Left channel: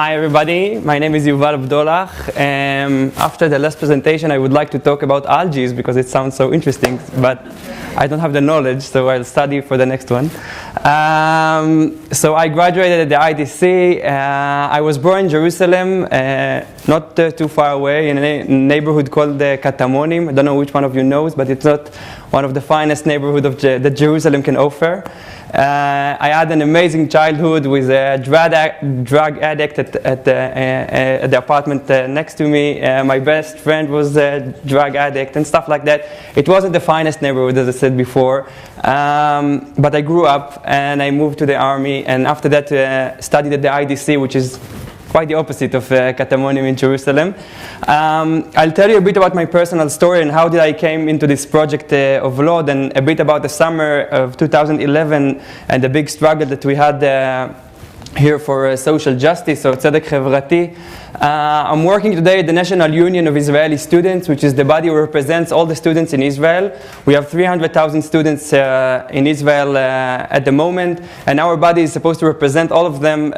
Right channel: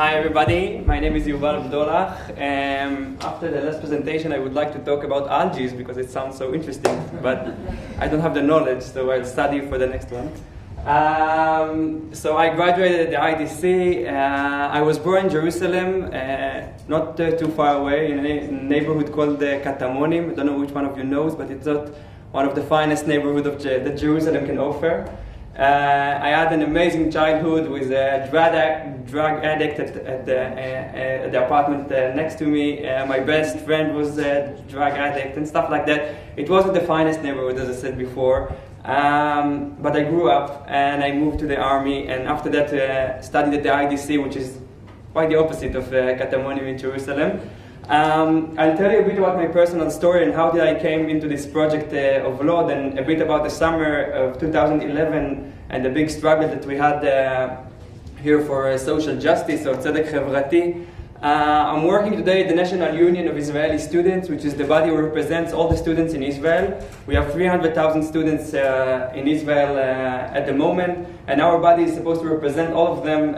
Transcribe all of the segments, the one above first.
Hi everybody, my name is Yuval Abdollah. After the last presentation I would like to talk about algae because it sounds so interesting, but I don't have the knowledge, so I'll study for the next one. So I graduated at the ITC. I was born in Jerusalem, not too far away, in a neighborhood called Katamonim. I don't know which one of you knows, but it's not one of the finest neighborhoods that Jerusalem can offer. I had an amazing childhood with a drug addict at the apartment next to me. My best friend was a drug addict and stuff like that. It wasn't the finest neighborhood, as I said before, but I grew up and I moved to the army, and after that studied at the IDC, which is quite the opposite of Katamonim in Jerusalem. I'll tell you a bit about my personal story and how did I came into this project of Re-Lod, and a bit about the summer of 2011 and the big struggle that we had here for social justice, or tzedek חברתי. I'm working today at the National Union of Israeli Students, which is the body who represents all the students in Israel. We have 300,000 students in Israel at the moment, and our body is supposed to represent all of them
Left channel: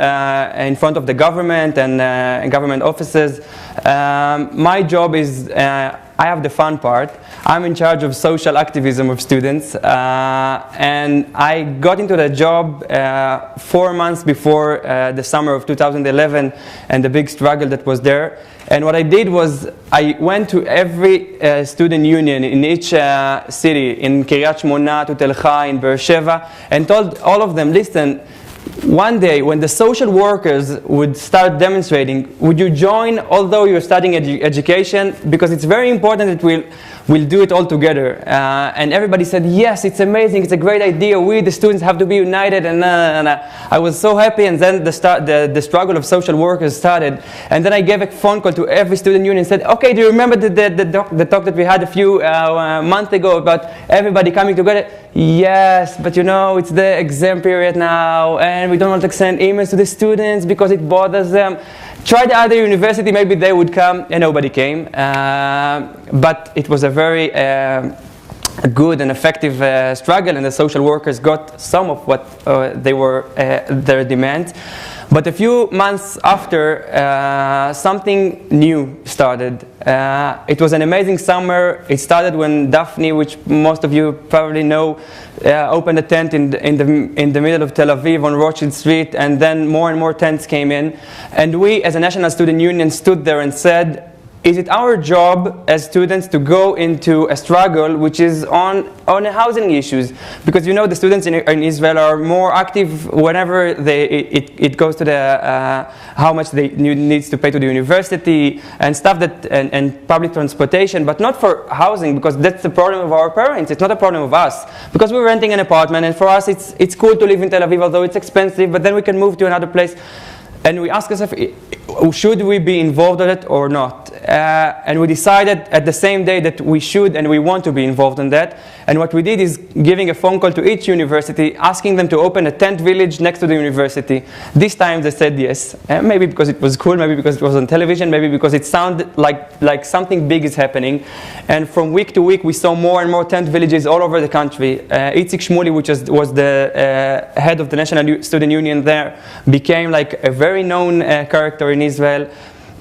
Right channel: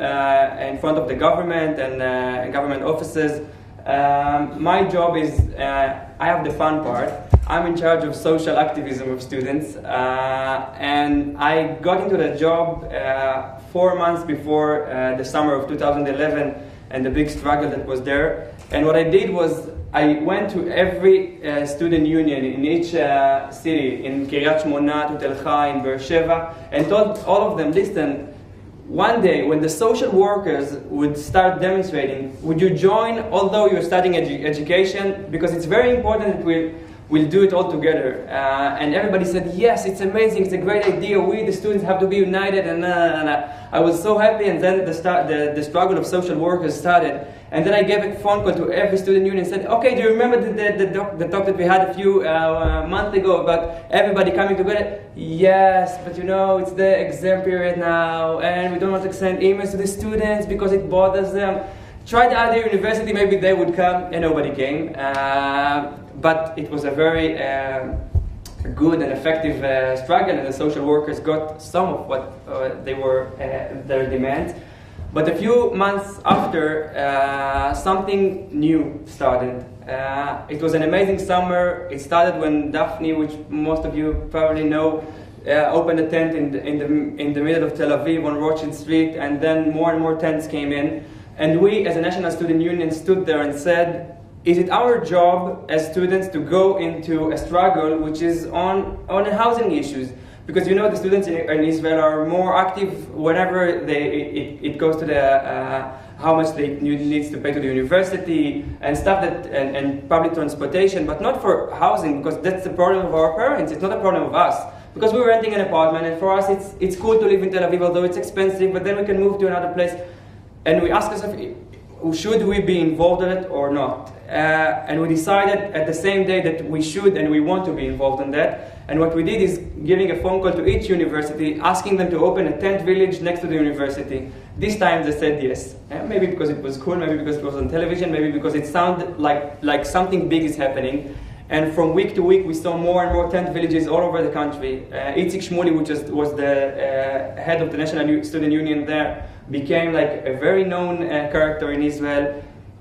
in front of the government and government offices. My job is, I have the fun part. I'm in charge of social activism of students, and I got into that job 4 months before the summer of 2011 and the big struggle that was there. And what I did was I went to every student union in each city, in Kiryat Shmona, to Tel Chai, in Be'er Sheva, and told all of them, listen, one day when the social workers would start demonstrating, would you join although you're studying education? Because it's very important that we'll do it all together. And everybody said, yes, it's amazing, it's a great idea, we the students have to be united, and I was so happy. And then the struggle of social workers started, and then I gave a phone call to every student union and said, okay, do you remember the talk that we had a few months ago about everybody coming together? Yes, but you know, it's the exam period now, and we don't want to send emails to the students because it bothers them. Try the other university, maybe they would come, and nobody came. But it was a very good and effective struggle, and the social workers got some of what they were their demands. But a few months after, something new started. It was an amazing summer. It started when Daphne, which most of you probably know, opened a tent in the middle of Tel Aviv on Rothschild Street, and then more and more tents came in. And we, as a National Student Union, stood there and said, is it our job as students to go into a struggle which is on housing issues? Because you know the students in Israel are more active whenever it goes to the how much they needs to pay to the university and stuff that and public transportation, but not for housing, because that's the problem of our parents. It's not a problem of us, because we're renting an apartment, and for us it's cool to live in Tel Aviv, although it's expensive, but then we can move to another place. And we asked ourselves, should we be involved in it or not? And we decided at the same day that we should and we want to be involved in that. And what we did is giving a phone call to each university, asking them to open a tent village next to the university. This time they said yes. Maybe because it was cool, maybe because it was on television, maybe because it sounded like something big is happening. And from week to week we saw more and more tent villages all over the country. Itzik Shmuli, which was the head of the National Student Union there, became like a very known character in Israel.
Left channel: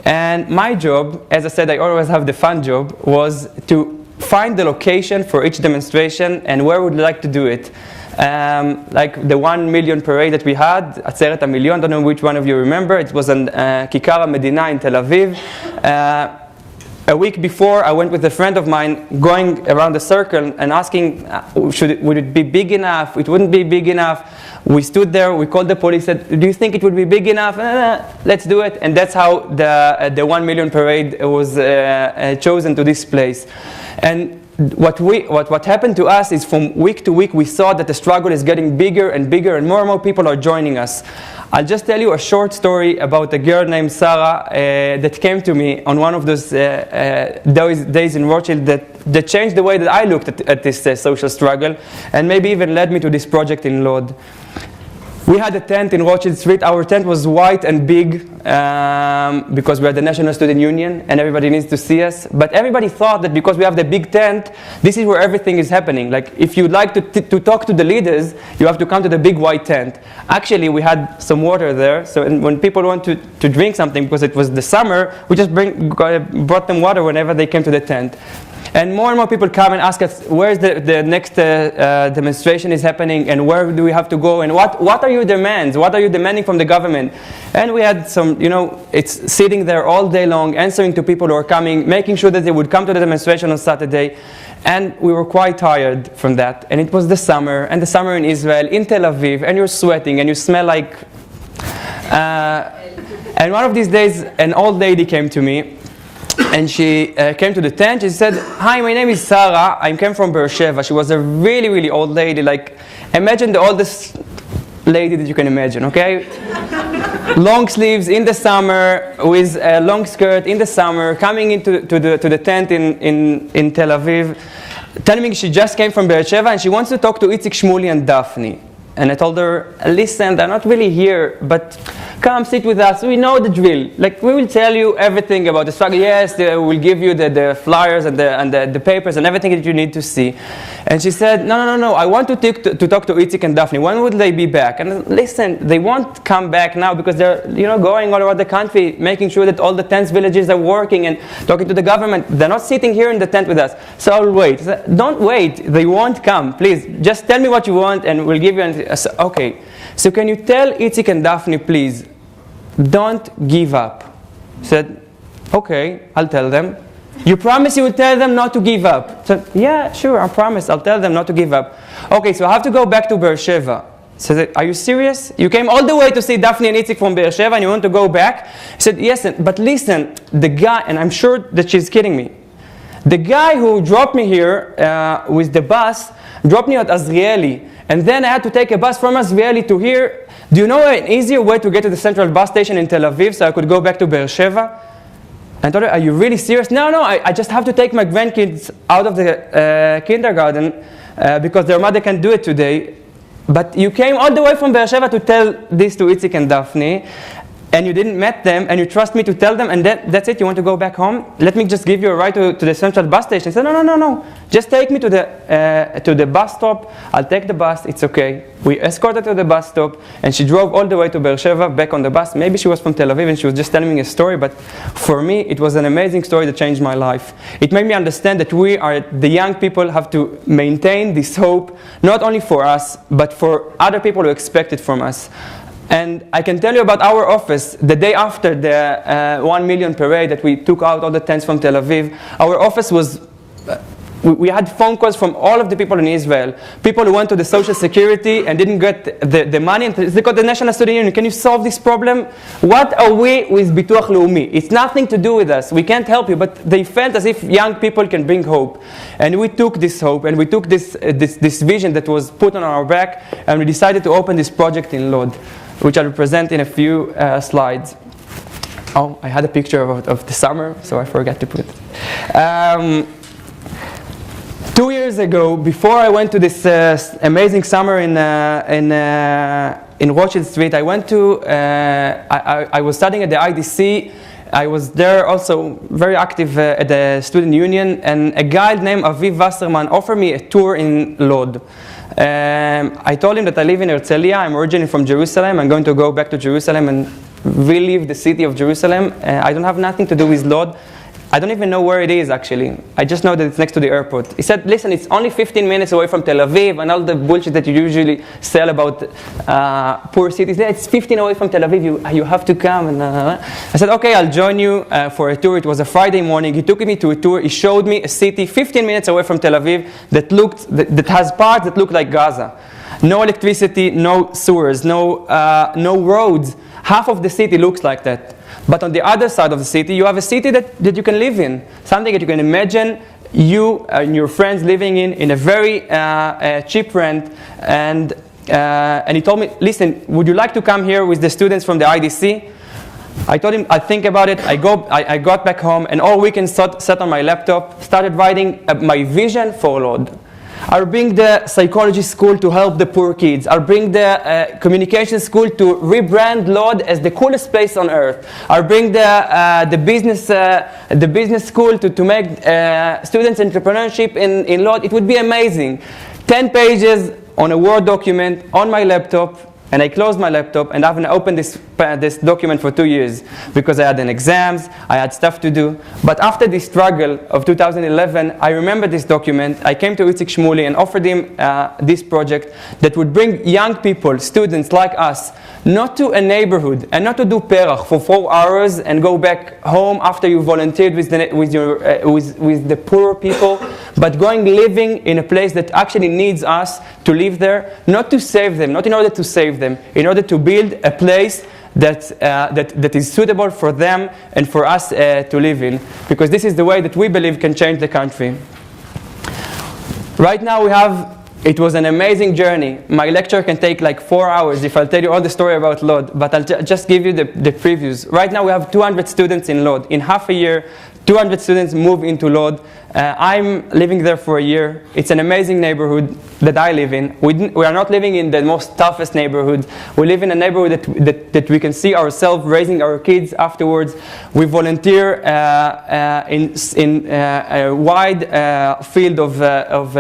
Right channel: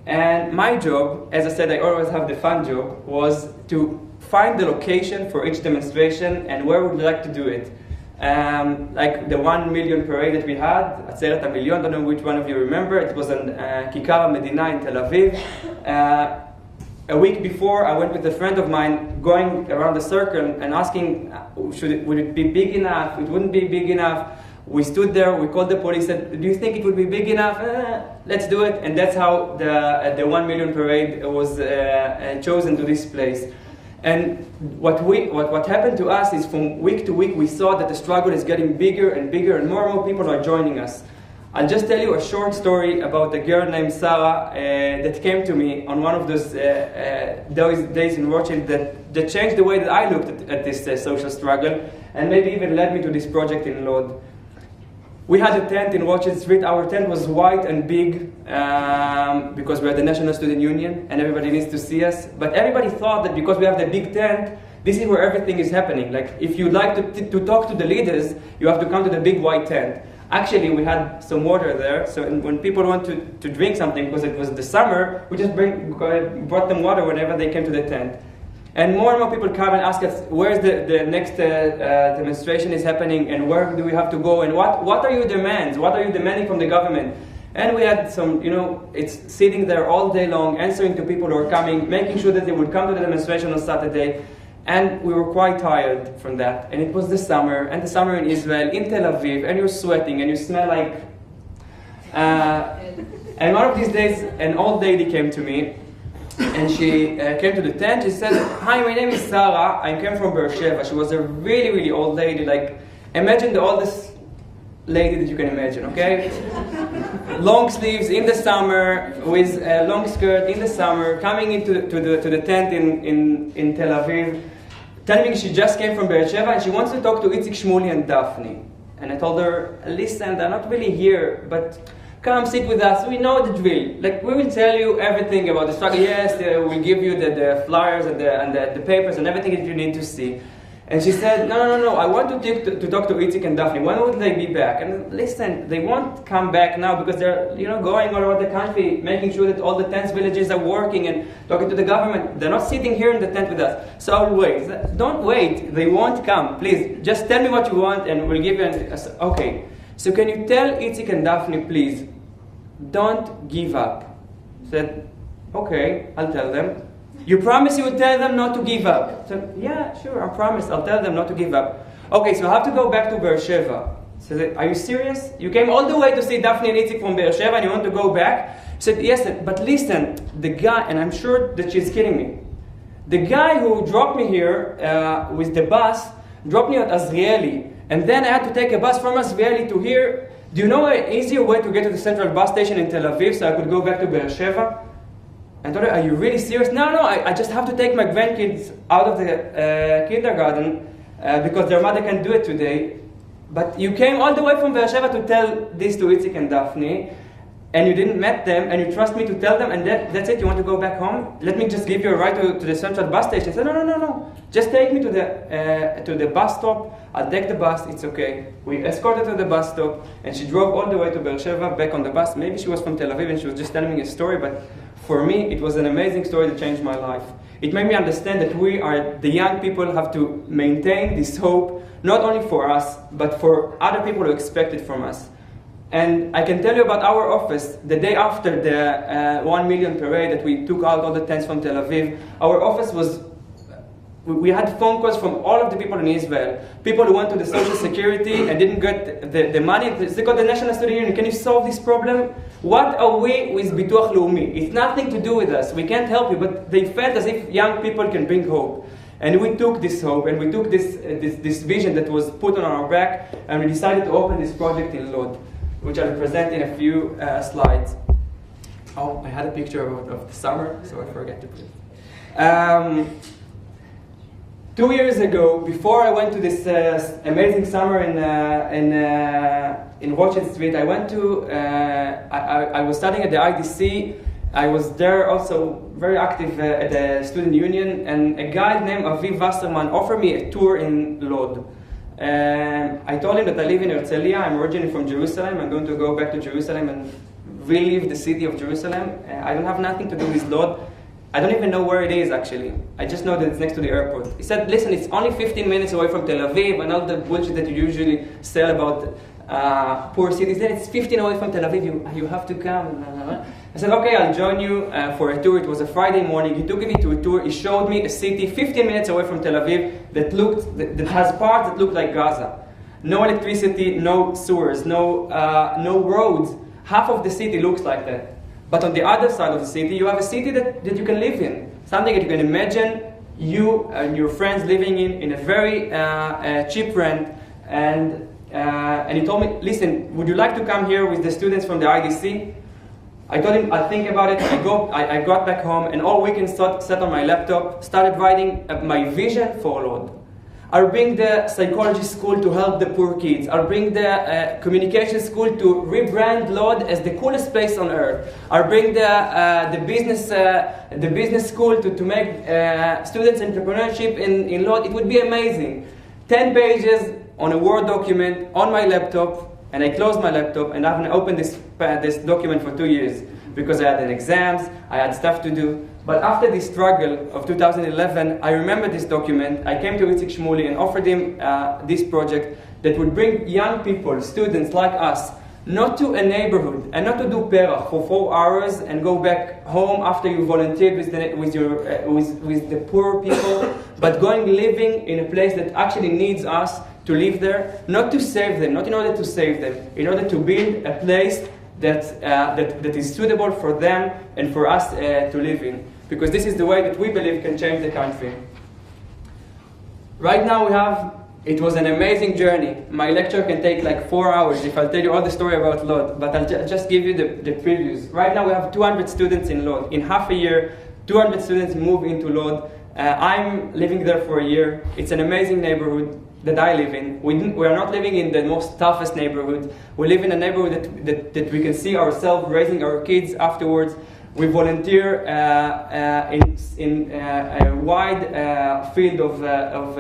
And my job, as I said, I always have the fun job, was to find the location for each demonstration and where would like to do it. Like the 1 million parade that we had, Atzeret HaMilyon, I don't know which one of you remember, it was on Kikar HaMedina in Tel Aviv. A week before, I went with a friend of mine going around the circle and asking, would it be big enough? It wouldn't be big enough. We stood there, we called the police, said, do you think it would be big enough? Let's do it. And that's how the 1 million parade was chosen to this place. And what happened to us is from week to week we saw that the struggle is getting bigger and bigger, and more people are joining us. I'll just tell you a short story about a girl named Sarah that came to me on one of those days in Rothschild that changed the way that I looked at this social struggle, and maybe even led me to this project in Lod. We had a tent in Rothschild Street. Our tent was white and big because we are the National Student Union and everybody needs to see us. But everybody thought that because we have the big tent, this is where everything is happening. Like if you'd like to talk to the leaders, you have to come to the big white tent. Actually, we had some water there. So when people want to drink something, because it was the summer, we just brought them water whenever they came to the tent. And more people come and ask us, where's the next demonstration is happening, and where do we have to go, and what are your demands? What are you demanding from the government? And we had some, it's sitting there all day long, answering to people who are coming, making sure that they would come to the demonstration on Saturday. And we were quite tired from that. And it was the summer, and the summer in Israel, in Tel Aviv, and you're sweating, and you smell like... and one of these days, an old lady came to me, and she came to the tent. She said, "Hi, my name is Sarah. I came from Beersheba." She was a really, really old lady. Like, imagine the oldest lady that you can imagine, okay? Long sleeves in the summer, with a long skirt in the summer, coming into the tent in Tel Aviv, telling me she just came from Beersheba and she wants to talk to Itzik, Shmuley, and Daphne. And I told her, listen, they're not really here, but come sit with us. We know the drill. Like, we will tell you everything about the struggle. Yes, we'll give you the flyers and the papers and everything that you need to see. And she said, no, I want to talk to Itzik and Daphne. When would they be back? And listen, they won't come back now because they're going all over the country, making sure that all the tent villages are working and talking to the government. They're not sitting here in the tent with us. So I'll wait. She said, don't wait. They won't come. Please, just tell me what you want and we'll give you an... I said, okay. So can you tell Itzik and Daphne, please, don't give up? I said, okay, I'll tell them. You promise you will tell them not to give up? So, yeah, sure, I promise. I'll tell them not to give up. Okay, so I have to go back to Beersheba. So, are you serious? You came all the way to see Daphne and Itzik from Beersheba and you want to go back? I said, yes, but listen, the guy, and I'm sure that she's kidding me, the guy who dropped me here with the bus dropped me at Azrieli. And then I had to take a bus from Azrieli to here. Do you know an easier way to get to the central bus station in Tel Aviv so I could go back to Beersheba? I told her, are you really serious? No, I just have to take my grandkids out of the kindergarten because their mother can't do it today. But you came all the way from Beersheba to tell this to Itzik and Daphne, and you didn't meet them, and you trust me to tell them, and that's it? You want to go back home? Let me just give you a ride to the central bus station. I said, no. Just take me to the bus stop. I'll take the bus. It's okay. We escorted her to the bus stop, and she drove all the way to Beersheba, back on the bus. Maybe she was from Tel Aviv, and she was just telling me a story, but for me, it was an amazing story that changed my life. It made me understand that the young people, have to maintain this hope, not only for us, but for other people who expect it from us. And I can tell you about our office. The day after the 1 million parade that we took out all the tents from Tel Aviv, our office was... We had phone calls from all of the people in Israel. People who went to the Social Security and didn't get the money. They got the National Student Union. Can you solve this problem? What are we with Bituach Leumi? It's nothing to do with us. We can't help you. But they felt as if young people can bring hope. And we took this hope and we took this vision that was put on our back, and we decided to open this project in Lod, which I'll present in a few slides. Oh, I had a picture of the summer, so I forgot to put it. 2 years ago, before I went to this amazing summer in Rothschild Street, I went to, I was studying at the IDC. I was there also very active at the student union, and a guy named Aviv Wasserman offered me a tour in Lod. I told him that I live in Herzliya. I'm originally from Jerusalem. I'm going to go back to Jerusalem and relive the city of Jerusalem. I don't have nothing to do with Lod. I don't even know where it is, actually. I just know that it's next to the airport. He said, listen, it's only 15 minutes away from Tel Aviv and all the bullshit that you usually sell about poor cities. It's 15 away from Tel Aviv. You have to come. And, I said, okay, I'll join you for a tour. It was a Friday morning. He took me to a tour. He showed me a city 15 minutes away from Tel Aviv that has parts that look like Gaza. No electricity, no sewers, no roads. Half of the city looks like that. But on the other side of the city, you have a city that you can live in. Something that you can imagine you and your friends living in a very cheap rent. And he told me, listen, would you like to come here with the students from the IDC? I told him, I'd think about it. I got back home, and all weekend sat on my laptop, started writing my vision for Lod. I'll bring the psychology school to help the poor kids. I'll bring the communication school to rebrand Lod as the coolest place on earth. I'll bring the business school to make students entrepreneurship in Lod. It would be amazing. 10 pages on a Word document on my laptop, and I closed my laptop, and I haven't opened this document for 2 years because I had an exams, I had stuff to do. But after the struggle of 2011, I remember this document. I came to Itzik Shmuli and offered him this project that would bring young people, students like us, not to a neighborhood and not to do perach for 4 hours and go back home after you volunteered with the poor people, but living in a place that actually needs us to live there, not to save them, not in order to save them, in order to build a place that is suitable for them and for us to live in, because this is the way that we believe can change the country. Right now it was an amazing journey. My lecture can take like 4 hours if I'll tell you all the story about Lod, but I'll just give you the previews. Right now we have 200 students in Lod. In half a year, 200 students move into Lod. I'm living there for a year. It's an amazing neighborhood that I live in. We are not living in the most toughest neighborhood. We live in a neighborhood that we can see ourselves raising our kids afterwards. We volunteer in a wide field of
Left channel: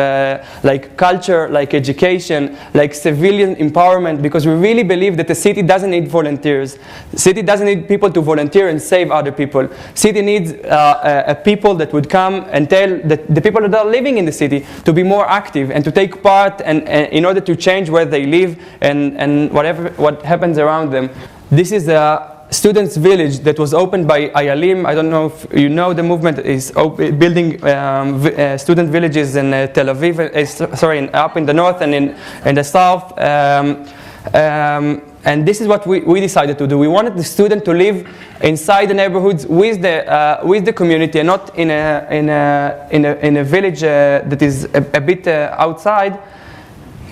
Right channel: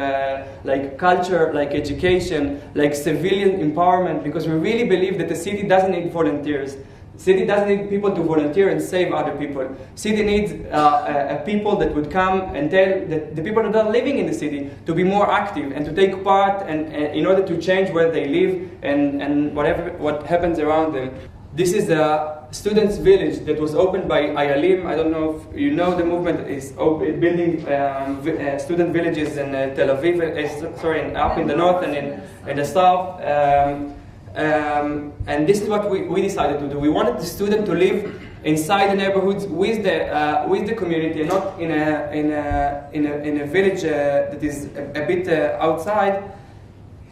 like culture, like education, like civilian empowerment, because we really believe that the city doesn't need volunteers. The city doesn't need people to volunteer and save other people. City needs a people that would come and tell the people that are living in the city to be more active and to take part and in order to change where they live and what happens around them. This is a students' village that was opened by Ayalim. I don't know if you know the movement is building student villages in Tel Aviv, up in the north and in the south. And this is what we decided to do. We wanted the student to live inside the neighborhoods with the community and not in a village that is a bit outside.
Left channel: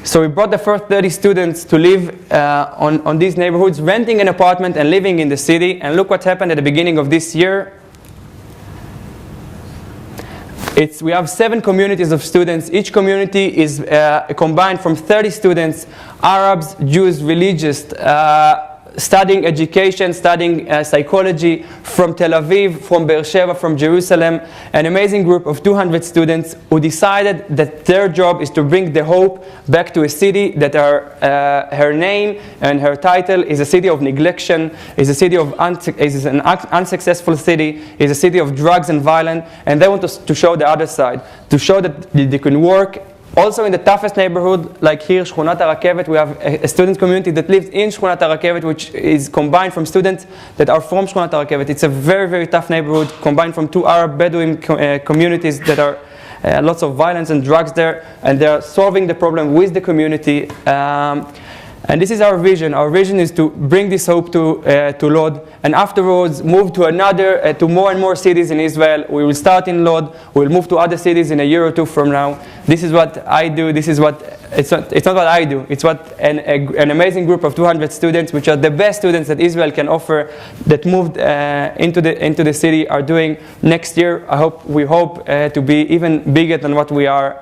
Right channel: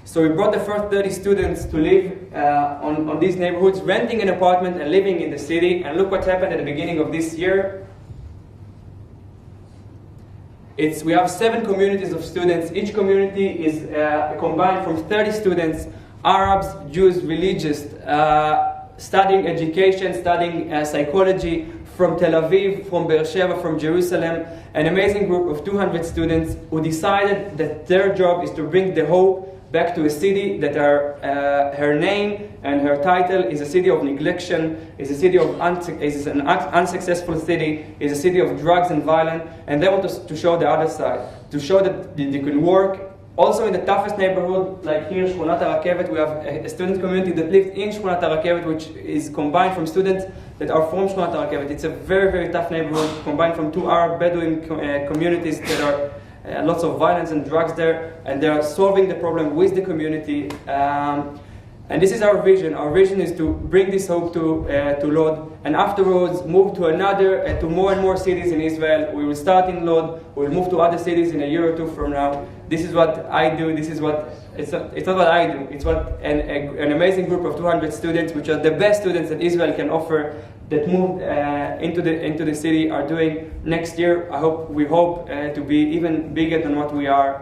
So we brought the first 30 students to live on these neighborhoods, renting an apartment and living in the city. And look what happened at the beginning of this year. We have 7 communities of students. Each community is combined from 30 students, Arabs, Jews, religious, studying education, studying psychology from Tel Aviv, from Beersheba, from Jerusalem. An amazing group of 200 students who decided that their job is to bring the hope back to a city that her name and her title is a city of neglection, is a city of is an unsuccessful city, is a city of drugs and violence, and they want to show the other side, to show that they can work. Also in the toughest neighborhood, like here, Shchunat HaRakevet, we have a student community that lives in Shchunat HaRakevet, which is combined from students that are from Shchunat HaRakevet. It's a very, very tough neighborhood, combined from 2 Arab Bedouin communities that are lots of violence and drugs there, and they are solving the problem with the community. And this is our vision. Our vision is to bring this hope to Lod, and afterwards move to to more and more cities in Israel. We will start in Lod. We will move to other cities in a year or 2 from now. This is what I do. This is what it's not what I do. It's what an amazing group of 200 students, which are the best students that Israel can offer, that moved into the city, are doing next year. We hope to be even bigger than what we are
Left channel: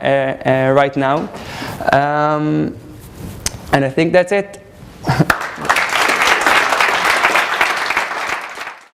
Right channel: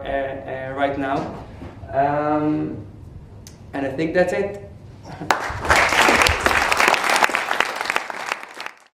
right now. And I think that's it.